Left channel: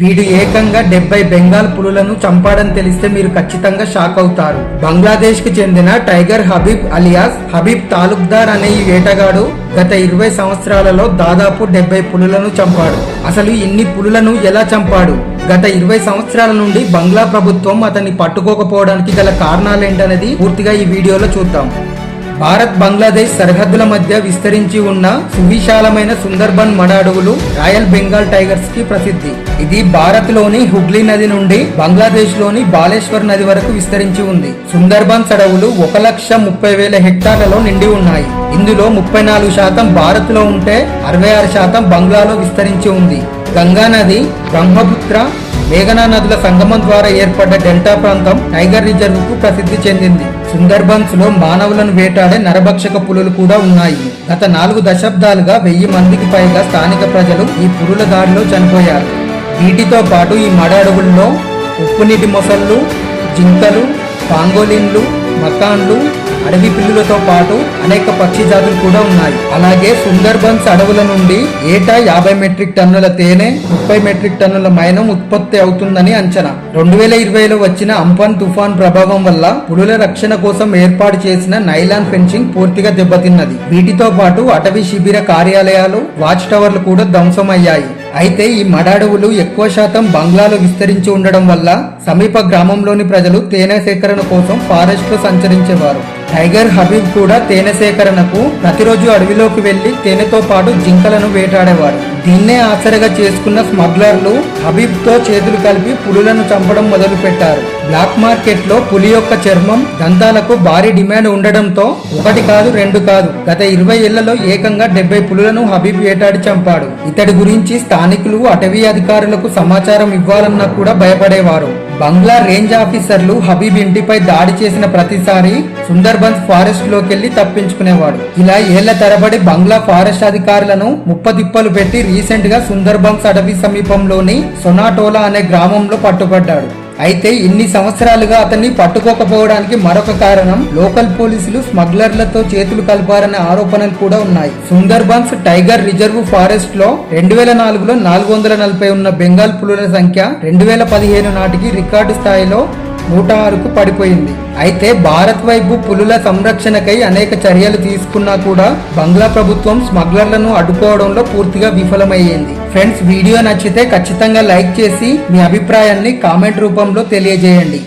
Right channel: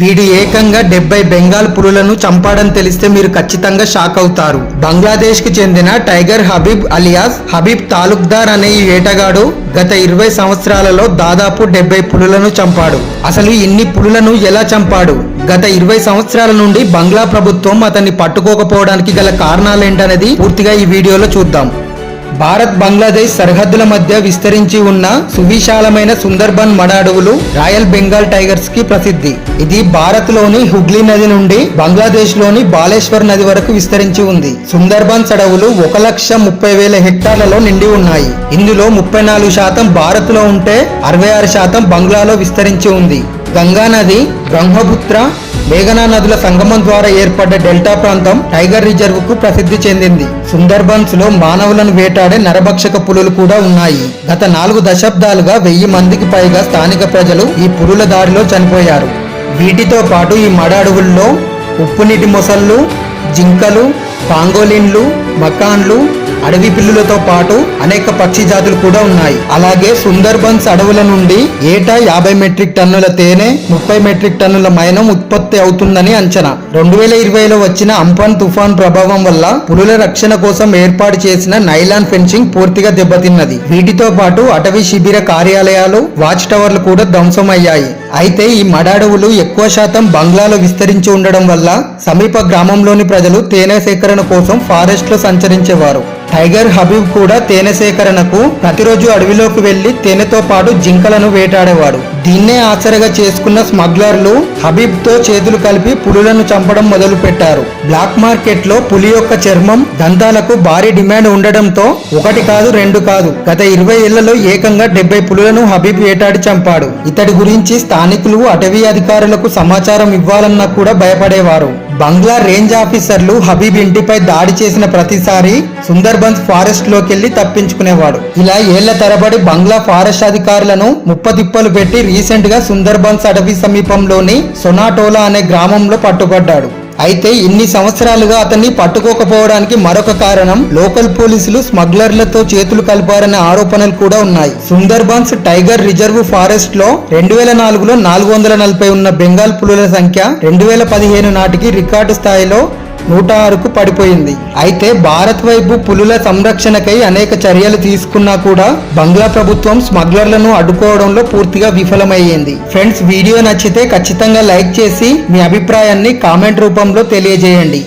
వీడు ఏకంగా 70 బెంగాల్ పులులను చంపాడని తెలిస్తే మీరు ఖచ్చితంగా షాక్ అవుతారు. బంగ్లాదేశ్ కి చెందిన టైగర్ హబీబ్ అలియాస్ హబీబ్ తాలూక్దార్ అనే ఈ వేటగాడు గత 20 సంవత్సరాలలో దాదాపు 70 పులులను చంపాడు. అసలు ఇన్ని పులులను ఎలా చంపాడు? గత 20 సంవత్సరాల నుండి బంగ్లా ప్రభుత్వం అతన్ని పట్టుకోకపోవడానికి గల కారణాలేంటనేది పూర్తిగా ఈ వీడియోలో చూద్దాం. భారత్ బంగ్లాదేశ్ సరిహద్దుల మధ్య విస్తరించి ఉన్న సువిశాలమైన సుందర్బన్ మడ అడవులు రాయల్ బెంగాల్ టైగర్స్ కి ప్రసిద్ధి. ఇది భారత్ లోని హుగ్లీ నది నుండి బంగ్లాదేశ్ లోని బాలేశ్వర్ నది వరకు విస్తరించి ఉంది. సుందర్బన్స్ అడవులు 1,30,000 హెక్టార్లలో నిండి ఉన్నాయి. ఇందులో 34% భారత్ లో ఉంటే 66% బంగ్లాలో విస్తరించి ఉంది. గంగా నది, బ్రహ్మపుత్ర, మేఘనా నదుల సంగమం ద్వారా ఏర్పడ్డ డెల్టా ప్రాంతం టైగర్ రిజర్వ్ కు ప్రసిద్ధి చెందింది. సుందర్బన్స్ లో మానవులను వేటాడే నరభక్షక పులులు కూడా ఉన్నాయి. గత 4 దశాబ్దాలుగా 1000 మందికి పైగా స్థానిక ప్రజలు ఈ పులుల దాడిలో చనిపోయారు. వీటితో పాటు ఈ మడ అడవుల్లో ఉప్పునీటి మొసళ్ళు, జింకలు, పాంగోలిన్లు, మకాన్లు, అడవి పిల్లులతో పాటు అనేక పక్షి జాతులు కూడా ఉన్నాయి. అలాగే సుందర్బన్స్ అడవుల నుండి ఏటా 50 మెట్రిక్ టన్నుల తేనె, 30 మెట్రిక్ టన్నుల మైనం ఉత్పత్తి అవుతుందని అంచనా. 2020లో వచ్చిన అంఫాన్ తుఫాన్ ప్రభావం వల్ల పులుల రక్షణ కోసం ఏర్పాటు చేసిన నైలాన్ ఫెన్సింగ్ పూర్తిగా దెబ్బతిన్నది. వీటితో పాటు అటవీ శిబిర కార్యాలయాలు, వాచ్ టవర్లు కూడా ధ్వంసమయ్యాయి. అయితే ఈ మడ అడవులు ఎక్కువ శాతం బంగ్లాలో విస్తరించి ఉండడం వల్ల సమీప గ్రామంలోని ప్రజలు తేనె సేకరణ కోసం ఫారెస్ట్ లో సంచరించేవారు. టైగర్ హబీబ్ కూడా తేనె సేకరణకు ప్రతిరోజు అడవిలోకి వెళ్లి తేనెతో పాటు జింకలను వేటాడేవారు. దీన్నే ఆసరగా చేసుకున్న స్మగ్లర్లు హబీబ్ తో చేతులు కలిపి పులులను చంపడం మొదలు పెట్టారు. బ్లాక్ మార్కెట్ లో పులి యొక్క చర్మం, దంతాలకు భారీ డిమాండ్ ఉండడంతో 1 కాదు 2 కాదు గత 20 ఏళ్లలో ఏకంగా 70 పులులను హబీబ్ వేటాడి చంపాడు. ఇతడి గురించి స్థానికులు అటవీ అధికారులకు సమాచారం ఇవ్వాలన్నా కూడా భయపడేవారు. బంగ్లా రేంజ్ ఆఫీసర్లు హబీబ్ ఇంటిపై దాడి చేసిన ప్రతిసారి సుందర్బన్స్ ఫారెస్ట్ లోకెళ్లి తప్పించుకునేవాడు. ఇలా ఏళ్ల తరబడి బంగ్లా ఫారెస్ట్ అధికారులను ముప్పతిప్పలు పెట్టి రీసెంట్ గా సుందర్బన్స్ అటవీ సమీపంలోని సొనాటోలా అనే గ్రామంలో పట్టుబడ్డాడు. అయితే ఇన్ని సంవత్సరాలుగా అతన్ని పట్టుకోకపోవడానికి మరొక కారణం లోకల్ పోలీసులు స్మగ్లర్లతో చేతులు కలిపారనే ఆరోపణలు కూడా ఉన్నాయి. సుందర్బన్స్ టైగర్ రిజర్వ్ ఫారెస్ట్ లో 2004లో 440 ఉన్న బెంగాల్ పులుల సంఖ్య 2015 నాటికి రికార్డు స్థాయిలో 106కు పడిపోయింది. అయితే భారత్ వైపు పులుల సంరక్షణకై అనేక చర్యలు తీసుకున్నా కూడా బంగ్లా ప్రభుత్వం స్మగ్లర్లను అడ్డుకోవడంలో పూర్తిగా విఫలమయ్యింది. ఫ్రెండ్స్, వీడియో నచ్చితే ఖచ్చితంగా లైక్ చేసి మీ అభిప్రాయాన్ని కామెంట్ రూపంలో తెలియజేయండి.